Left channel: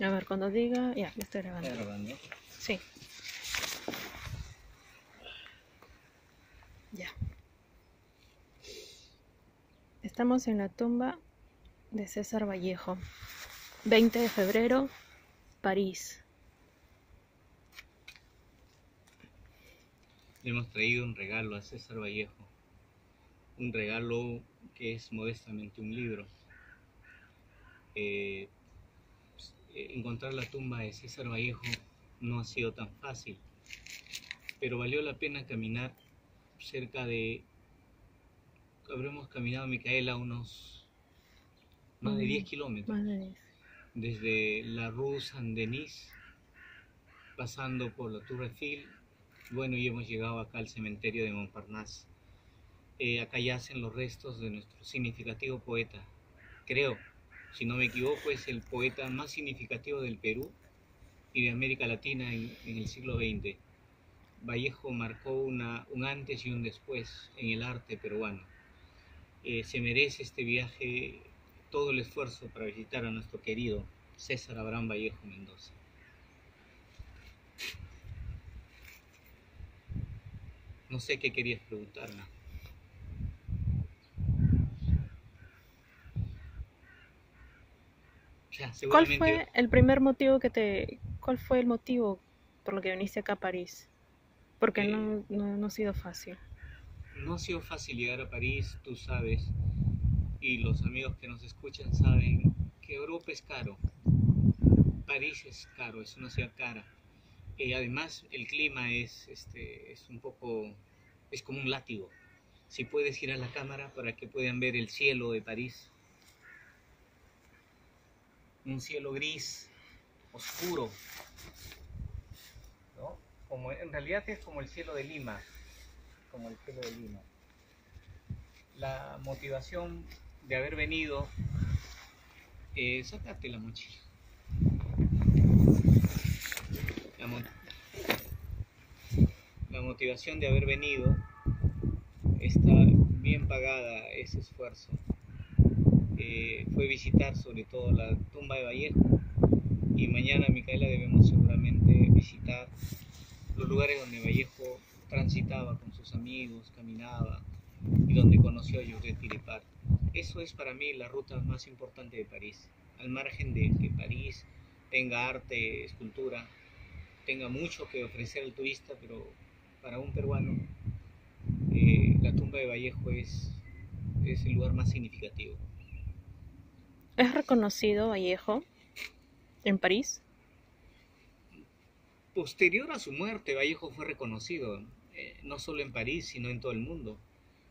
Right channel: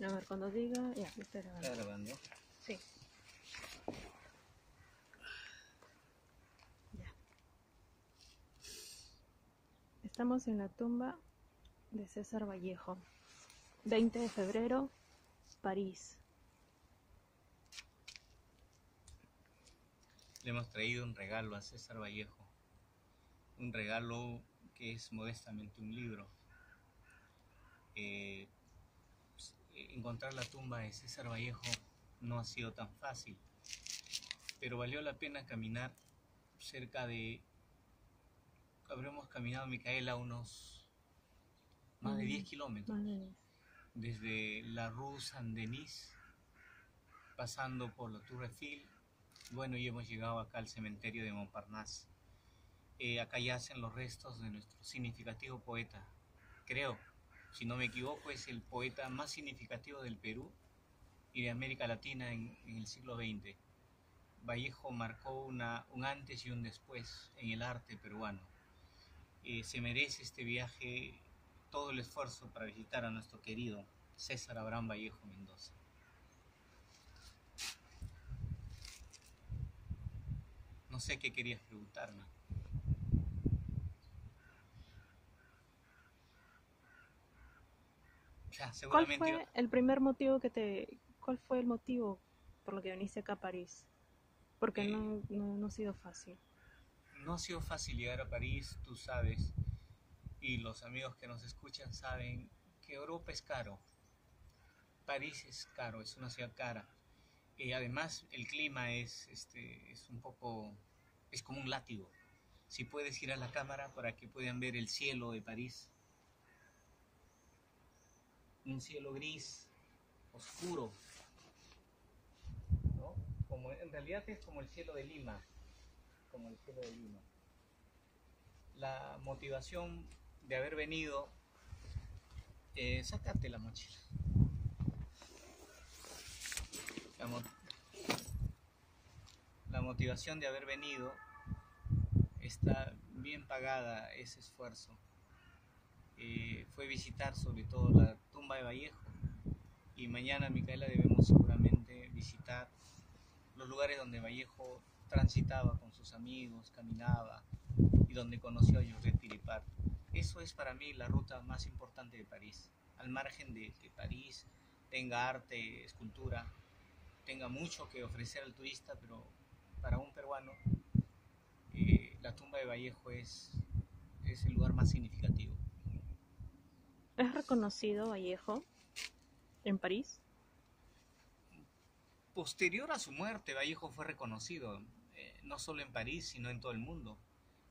A ver, cuando diga, ya estoy grabando. ¿Está grabando? Sí. Ya. Estamos en la tumba de César Vallejo. 20 de febrero, París. Le hemos traído un regalo a César Vallejo. Un regalo que es modestamente un libro. Encontrar la tumba de César Vallejo no ha sido tan fácil, pero valió la pena caminar habremos caminado, Micaela, unos más de 10 kilómetros, Más de 10. desde la Rue Saint-Denis, pasando por la Tour Eiffel, bueno, y hemos llegado acá al cementerio de Montparnasse. Acá yacen los restos de nuestro significativo poeta. Creo, si no me equivoco, es el poeta más significativo del Perú y de América Latina en el siglo XX. Vallejo marcó un antes y un después en el arte peruano. Se merece este viaje todo el esfuerzo para visitar a nuestro querido César Abraham Vallejo Mendoza. No sé qué querías preguntarme. ¿Cuál fue el primer motivo cuál fue el motivo por lo que viniste acá a París? Porque no ha sido fácil. No ha sido fácil llegar a París, tú sabes, y los amigos que nos escuchan saben que Europa es caro. París es caro, es una ciudad cara. Además, el clima es un poco, es como un látigo. Si puedes ir a la cámara para que puedan ver el cielo de París. Un cielo gris, oscuro, ¿no? En realidad es como el cielo de Lima, como el cielo de Lima. La motivación de haber venido, sácate la mochila. La motivación de haber venido está bien pagada ese esfuerzo. Fue visitar sobre todo la tumba de Vallejo, y mañana, Micaela, debemos seguramente visitar los lugares donde Vallejo transitaba con sus amigos, caminaba, y donde conoció a Georges Philippard. Eso es para mí la ruta más importante de París. Al margen de que París tenga arte, escultura, tenga mucho que ofrecer al turista, pero para un peruano la tumba de Vallejo es el lugar más significativo. ¿Es reconocido Vallejo en París? Posterior a su muerte, Vallejo fue reconocido, no solo en París, sino en todo el mundo.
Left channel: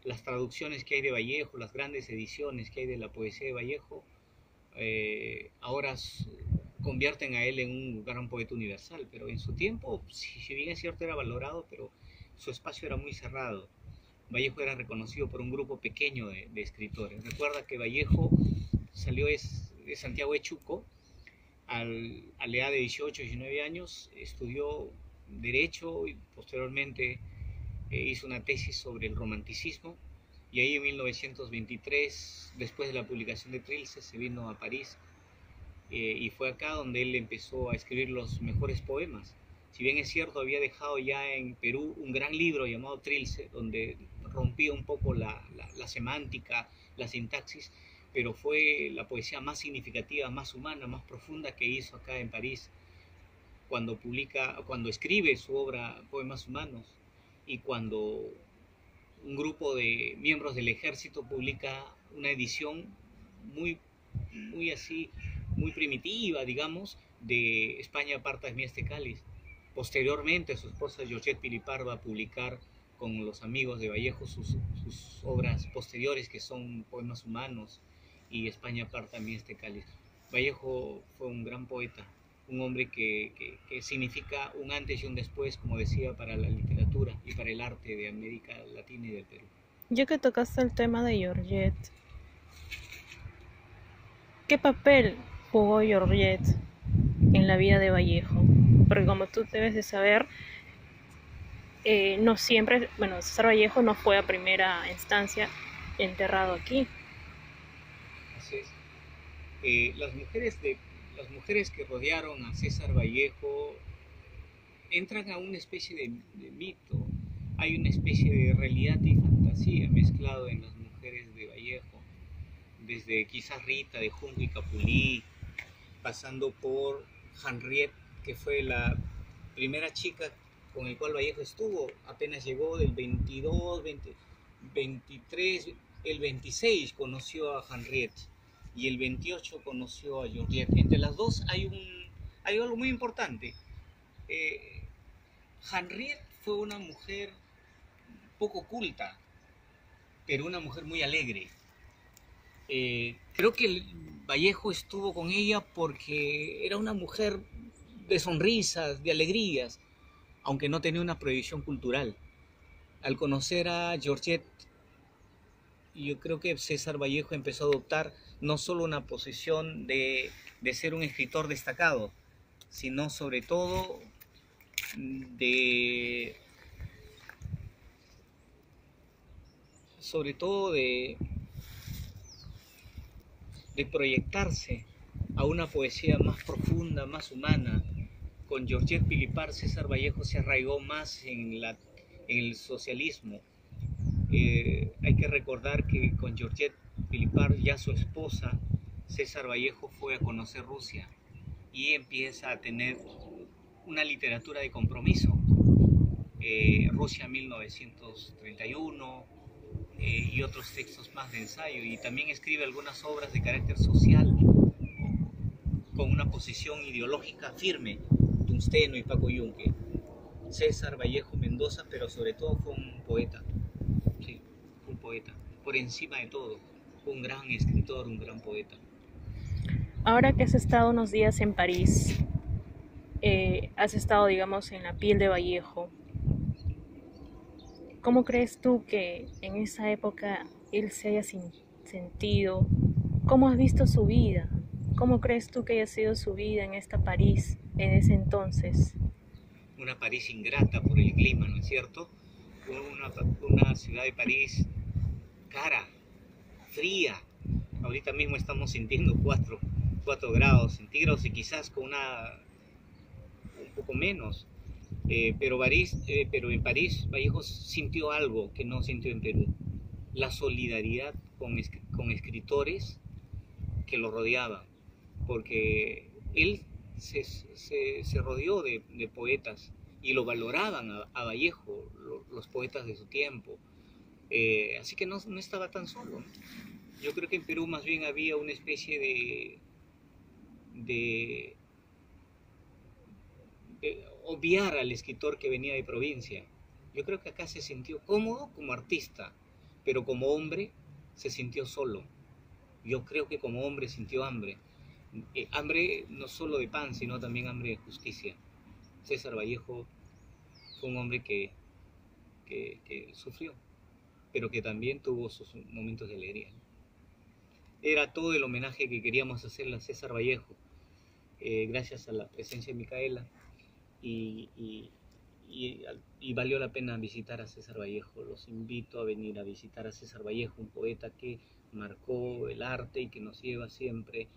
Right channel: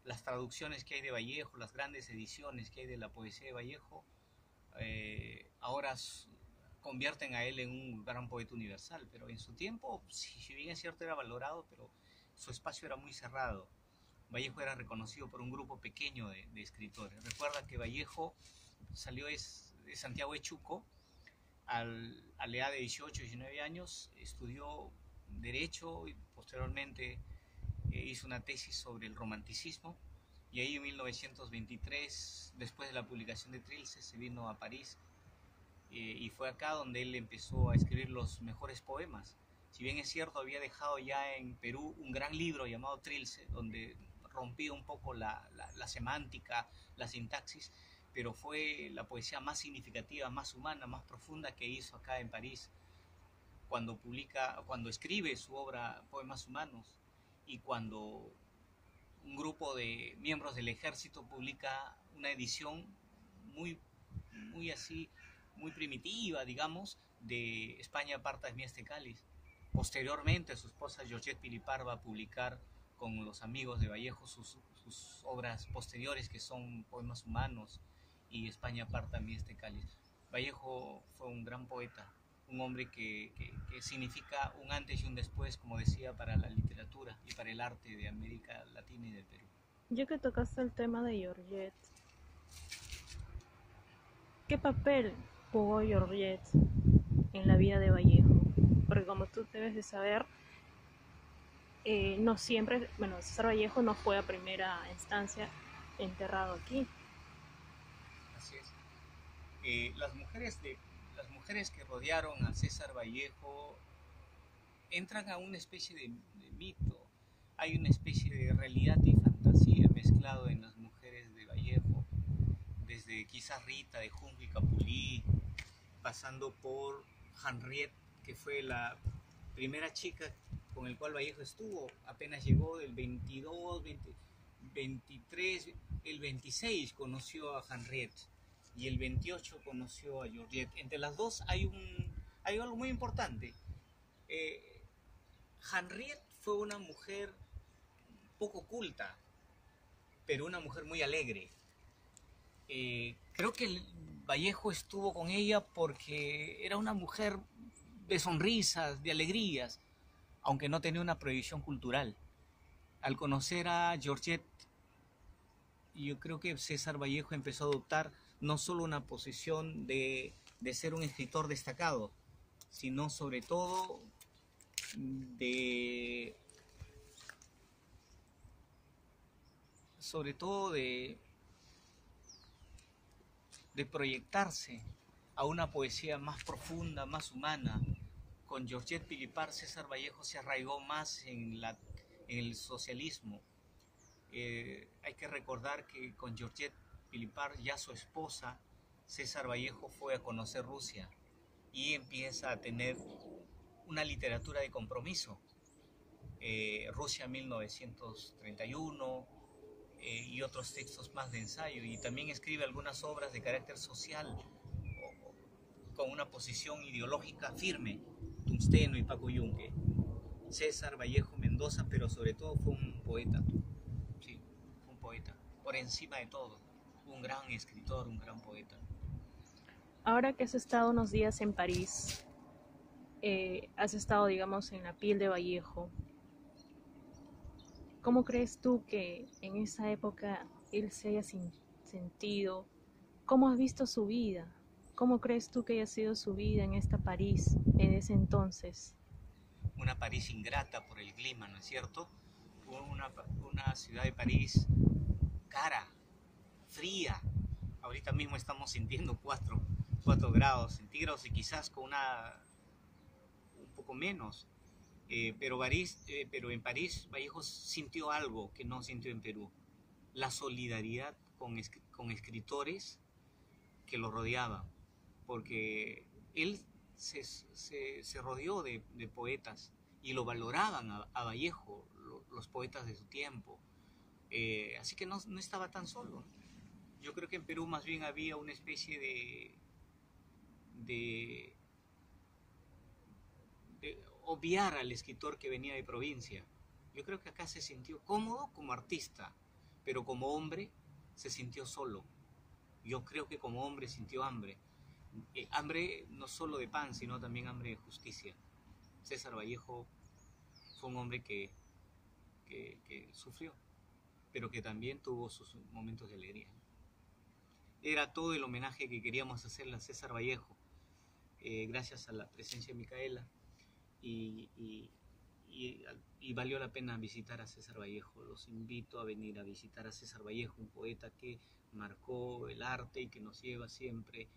Las traducciones que hay de Vallejo, las grandes ediciones que hay de la poesía de Vallejo, ahora convierten a él en un gran poeta universal, pero en su tiempo, si bien es cierto, era valorado, pero su espacio era muy cerrado. Vallejo era reconocido por un grupo pequeño de escritores. Recuerda que Vallejo salió de Santiago de Chuco a la edad de 18, 19 años, estudió Derecho y posteriormente hizo una tesis sobre el romanticismo, y ahí en 1923, después de la publicación de Trilce, se vino a París, y fue acá donde él empezó a escribir los mejores poemas. Si bien es cierto, había dejado ya en Perú un gran libro llamado Trilce, donde rompía un poco la semántica, la sintaxis, pero fue la poesía más significativa, más humana, más profunda que hizo acá en París, cuando escribe su obra Poemas Humanos, y cuando un grupo de miembros del ejército publica una edición muy, muy así, muy primitiva, digamos, de España aparta de mí este cáliz. Posteriormente, su esposa Georgette Philippard va a publicar con los amigos de Vallejo sus obras posteriores, que son Poemas Humanos y España aparta de mí este cáliz. Vallejo fue un gran poeta, un hombre que significa un antes y un después, como decía, para la literatura y para el arte de América Latina y del Perú. Ya que tocaste el tema de Georgette, ¿qué papel jugó Georgette en la vida de Vallejo? Porque como tú debes de saber, no siempre, bueno, César Vallejo no fue a primera instancia enterrado aquí. Así es. Las las mujeres que rodearon a César Vallejo entran a una especie de mito. Hay una especie de realidad y fantasía mezclado en las mujeres de Vallejo, desde quizás Rita de Junco y Capulí, pasando por Henriette, que fue la primera chica con el cual Vallejo estuvo, apenas llegó del 22, 20, 23, el 26 conoció a Henriette y el 28 conoció a Georgette. Entre las dos hay algo muy importante. Henriette fue una mujer poco culta, pero una mujer muy alegre. Creo que Vallejo estuvo con ella porque era una mujer de sonrisas, de alegrías, aunque no tenía una proyección cultural. Al conocer a Georgette, yo creo que César Vallejo empezó a adoptar no solo una posición de ser un escritor destacado, sino sobre todo de proyectarse a una poesía más profunda, más humana. Con Georgette Pilipar, César Vallejo se arraigó más en el socialismo. Hay que recordar que con Georgette Pilipar, ya su esposa, César Vallejo fue a conocer Rusia y empieza a tener una literatura de compromiso. Rusia 1931 y otros textos más de ensayo, y también escribe algunas obras de carácter social con una posición ideológica firme, Tungsteno y Paco Yunque. César Vallejo Mendoza, pero sobre todo fue un poeta, sí, un poeta, por encima de todo, un gran escritor, un gran poeta. Ahora que has estado unos días en París, has estado, digamos, en la piel de Vallejo, ¿cómo crees tú que en esa época él se haya sentido? ¿Cómo has visto su vida? ¿Cómo crees tú que haya sido su vida en esta París en ese entonces? Una París ingrata por el clima, ¿no es cierto? Una ciudad de París cara, fría. Ahorita mismo estamos sintiendo 4 grados centígrados y quizás con un poco menos. Pero en París Vallejo sintió algo que no sintió en Perú: la solidaridad con escritores que lo rodeaban, porque él se rodeó de poetas y lo valoraban a Vallejo, los poetas de su tiempo. Así que no estaba tan solo. Yo creo que en Perú más bien había una especie de obviar al escritor que venía de provincia. Yo creo que acá se sintió cómodo como artista, pero como hombre se sintió solo. Yo creo que como hombre sintió hambre. Hambre no solo de pan, sino también hambre de justicia. César Vallejo fue un hombre que sufrió, pero que también tuvo sus momentos de alegría. Era todo el homenaje que queríamos hacerle a César Vallejo, gracias a la presencia de Micaela, y valió la pena visitar a César Vallejo. Los invito a venir a visitar a César Vallejo, un poeta que marcó el arte y que nos lleva siempre,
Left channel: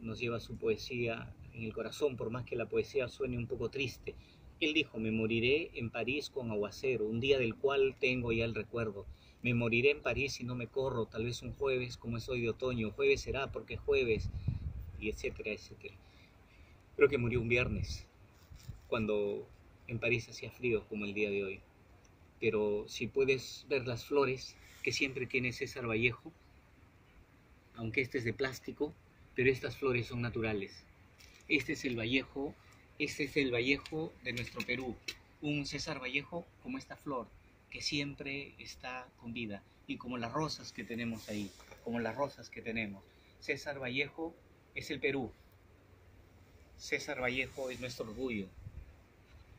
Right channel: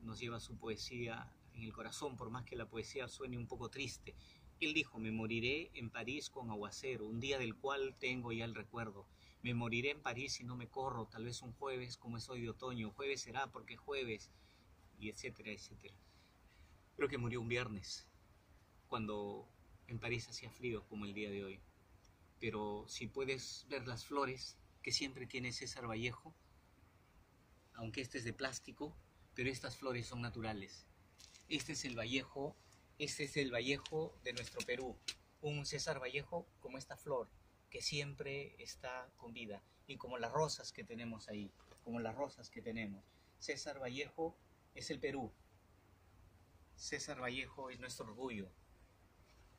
nos lleva su poesía en el corazón, por más que la poesía suene un poco triste. Él dijo: me moriré en París con aguacero, un día del cual tengo ya el recuerdo. Me moriré en París si no me corro, tal vez un jueves como es hoy de otoño, jueves será porque es jueves, y etcétera, etcétera. Creo que murió un viernes, cuando en París hacía frío como el día de hoy. Pero si puedes ver las flores que siempre tiene César Vallejo, aunque este es de plástico, pero estas flores son naturales. Este es el Vallejo de nuestro Perú, un César Vallejo como esta flor que siempre está con vida, y como las rosas que tenemos ahí, como las rosas que tenemos. César Vallejo es el Perú. César Vallejo es nuestro orgullo.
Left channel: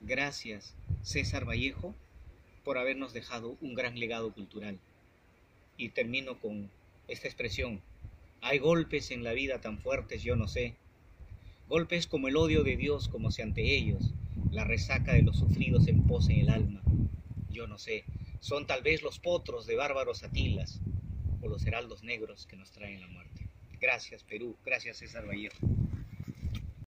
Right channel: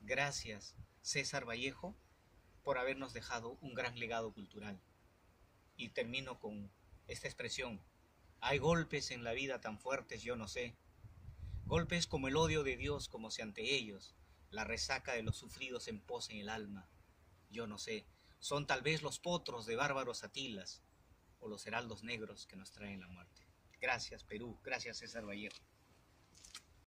Gracias, César Vallejo, por habernos dejado un gran legado cultural. Y termino con esta expresión: hay golpes en la vida tan fuertes, yo no sé. Golpes como el odio de Dios, como si ante ellos la resaca de los sufridos empose en el alma. Yo no sé. Son tal vez los potros de bárbaros Atilas o los heraldos negros que nos traen la muerte. Gracias, Perú. Gracias, César Vallejo.